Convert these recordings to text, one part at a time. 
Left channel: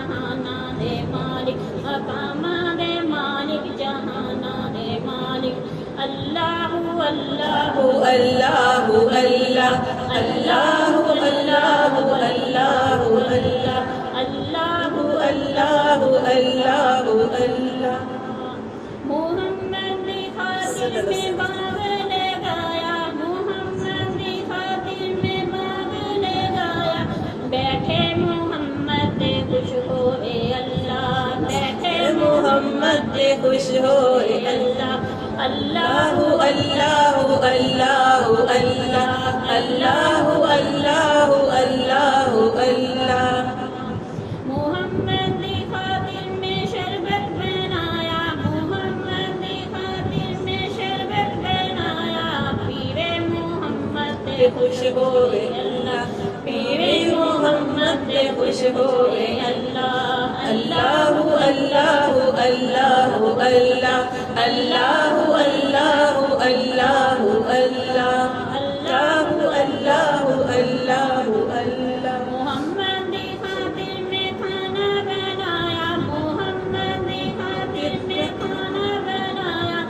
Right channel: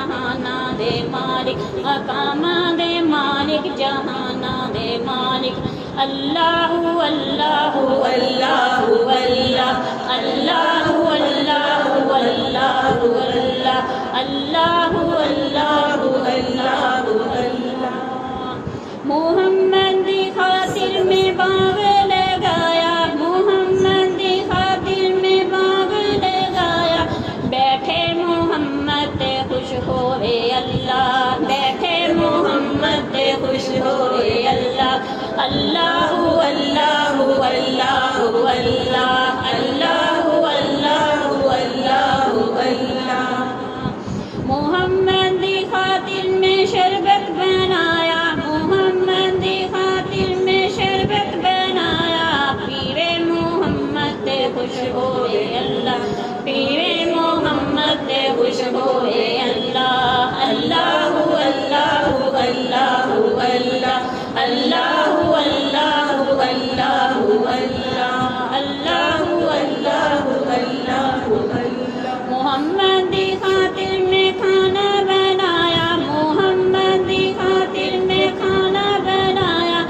جہانا دے مالک مقامہ دے مالک جہانا دے مالک اللہ اللہ اللہ اللہ اللہ اللہ اللہ اللہ اللہ اللہ اللہ محمد دی خاطر میں باغ لگایا محمد دی خاطر میں باغ لگایا بیٹھے محمد تے خوش ہوئے اللہ بیٹھے محمد تے خوش ہوئے اللہ اللہ اللہ اللہ اللہ اللہ اللہ اللہ اللہ محمد دی خاطر میں شربت بنایا محمد دی خاطر میں شربت بنایا پیرے محمد تے خوش ہوئے اللہ پیرے محمد تے خوش ہوئے اللہ اللہ اللہ اللہ اللہ اللہ اللہ اللہ اللہ اللہ اللہ محمد دی خاطر میں کھانا بنایا محمد دی خاطر میں کھانا بنایا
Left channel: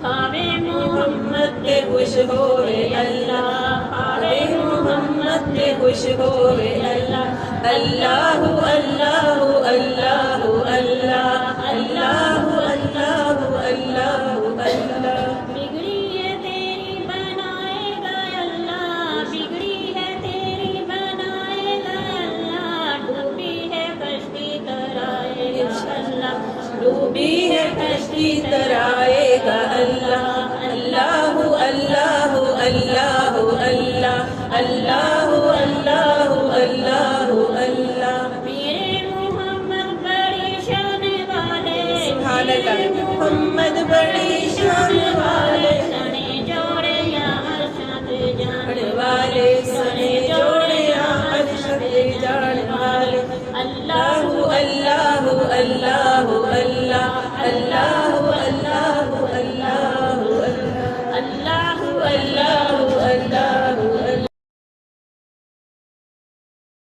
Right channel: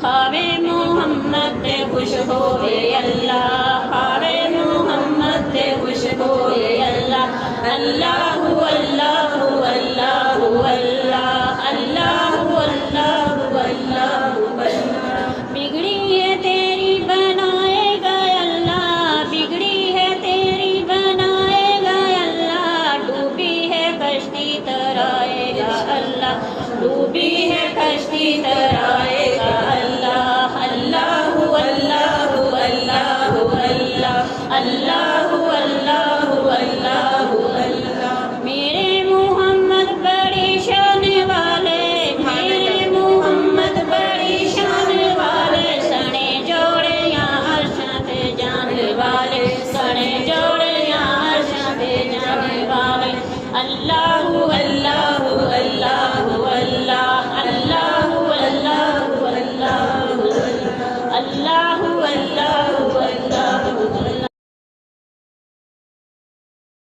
کھاوے محمد تے خوش ہوئے اللہ کھاوے محمد تے خوش ہوئے اللہ اللہ اللہ اللہ اللہ اللہ اللہ اللہ بگڑی ہے تیری بنائے گا اللہ بگڑی ہے تیری بنائے گا اللہ ڈوبی ہے کشتی ترائے گا اللہ ڈوبی ہے کشتی ترائے گا اللہ اللہ اللہ اللہ اللہ اللہ اللہ اللہ اللہ میرے محمد بڑی شان والے میرے محمد بڑی شان والے سنے جوڑیاں عرشاں تے جان والے سنے جوڑیاں عرشاں تے جان والے اللہ